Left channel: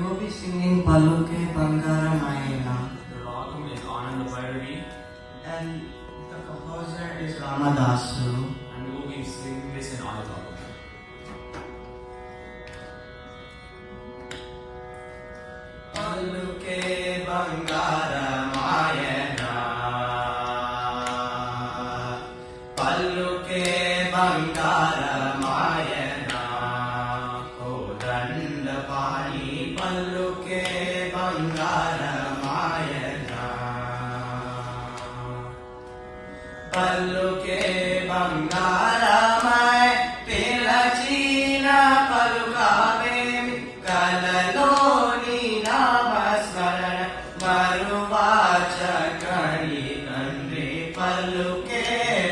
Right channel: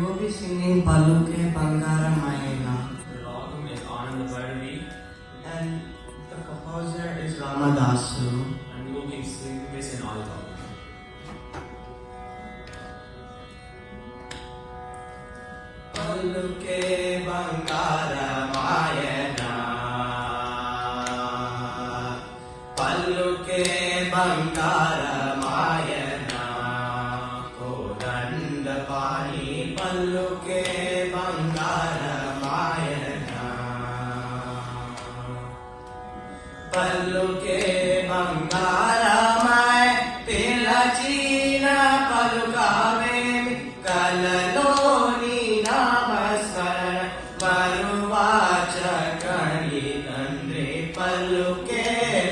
you'll be singing Paluke Bangara Mayela. And the composer is Ramadasu. And we will be singing this in Alba. Paluke Bangara Mayela. Paluke Bangara Mayela. Kodanda Pani Paluke Bangara Mayela. Paluke Bangara May Tilachina Palukave Kalaloni Namaskara Manuvacha Kani Tande Paluke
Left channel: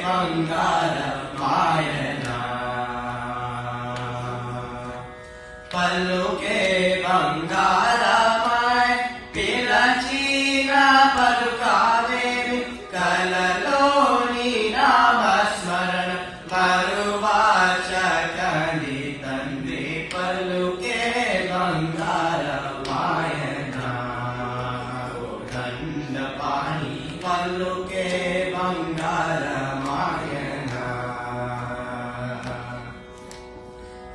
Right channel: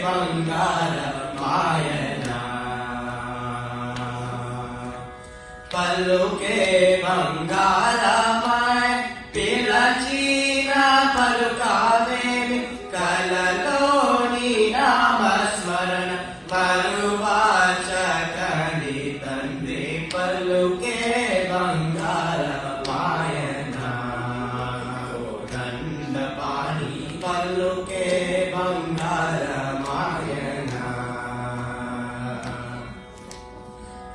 Bangara Mayana. Paluke Bangara May Tilachina Palukave Kalaloni Namasmarana Paruvacha Kani Tande Paluke Bangara Mayana. Kodanda Pani Paluke Bangara Mayana.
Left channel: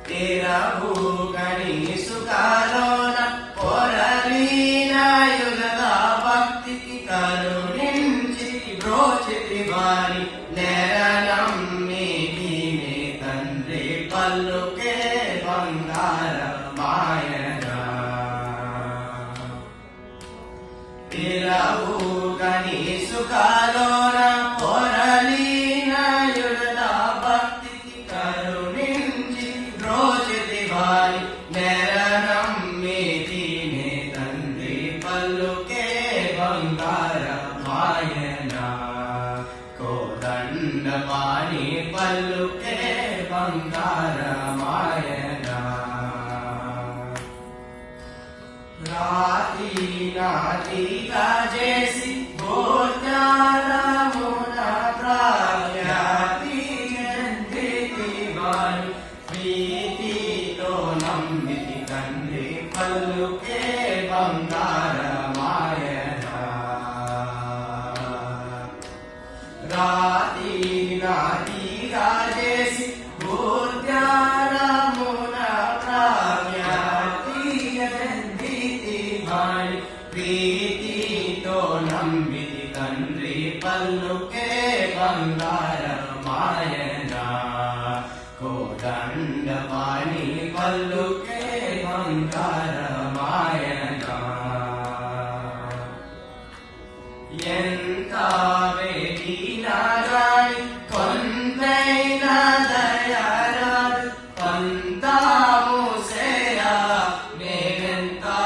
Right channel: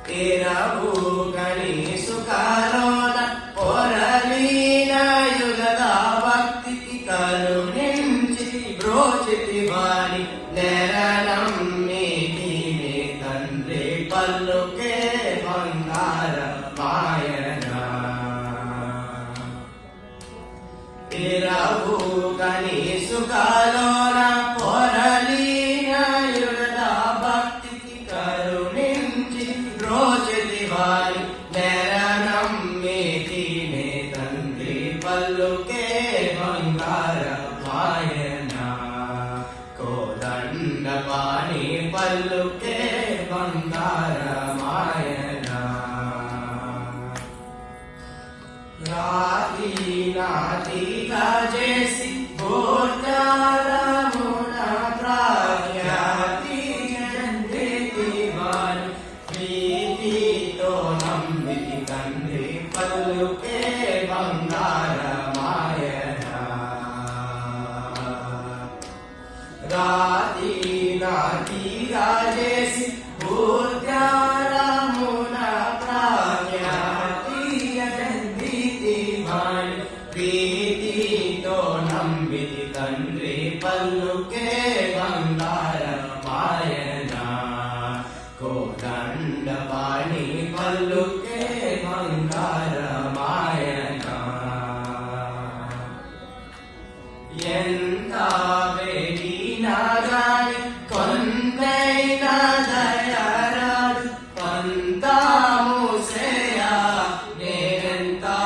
Teravu Gani Sukarona Oralina Yugata Bhakti Karuninchi Brochiti Vani Neranam Medine Tande Paluke Bangara Mayana. Teravu Gani Sukarona Oralina Yugata Bhakti Karuninchi Brochiti Vani Neranam Medine Tande Paluke Bangara Mayana. Kodanda Pani Paluke Bangara Mayana. Rati Nati Rajesi Bhojana Muna Prahyati Janditi Vani Priti Tonam Viti Kande Paluke Bangara Mayana. Rati Rati Rajesi Bhojana Muna Prahyati Janditi Vani Priti Tonam Viti Kande Paluke Bangara Mayana. Kodanda Pani Paluke Bangara Mayana. Yenta Vedina Rai Kontaina Dayarad Panta Musea Neventa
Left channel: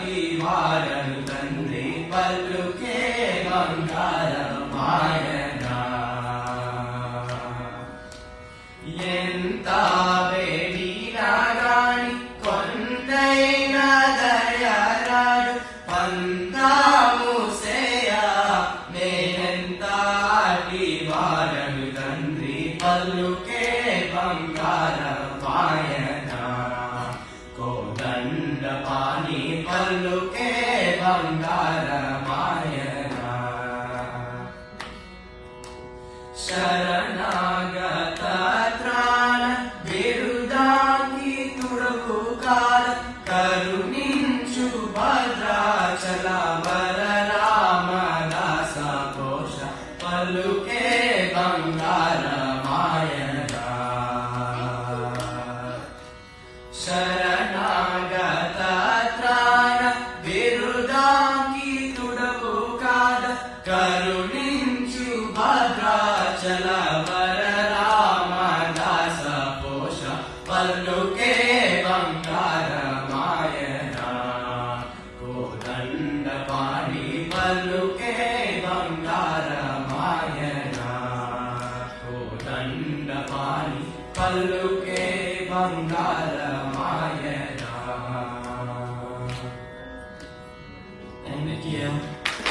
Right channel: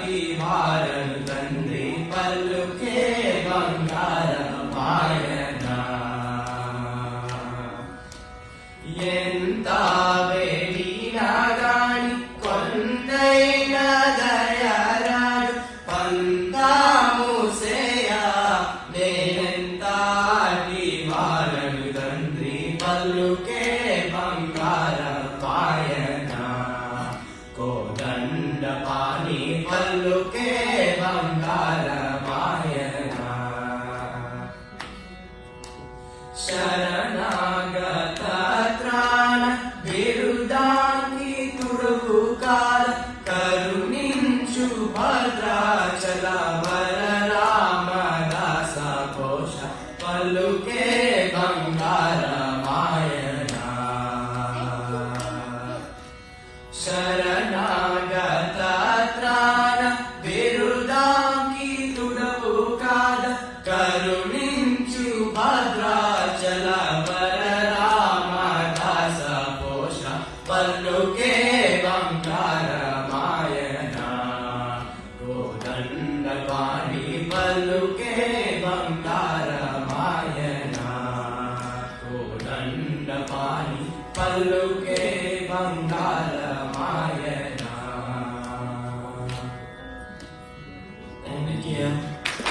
Timaran Tandri Paluke Bangara Mayana. Yenta Vedina Rai Kontaina Dayarad Panta Musea Neventa Timaran Tandri Paluke Bangara Mayana. Kodanda Pani Paluke Bangara Mayana. Sharanagata Trana Virudani Turukara Karuninchu Bhadrachala Vararamādasa Posha Paluke Bangara Mayana. Sharanagata Trana Virudani Turukara Karuninchu Bhadrachala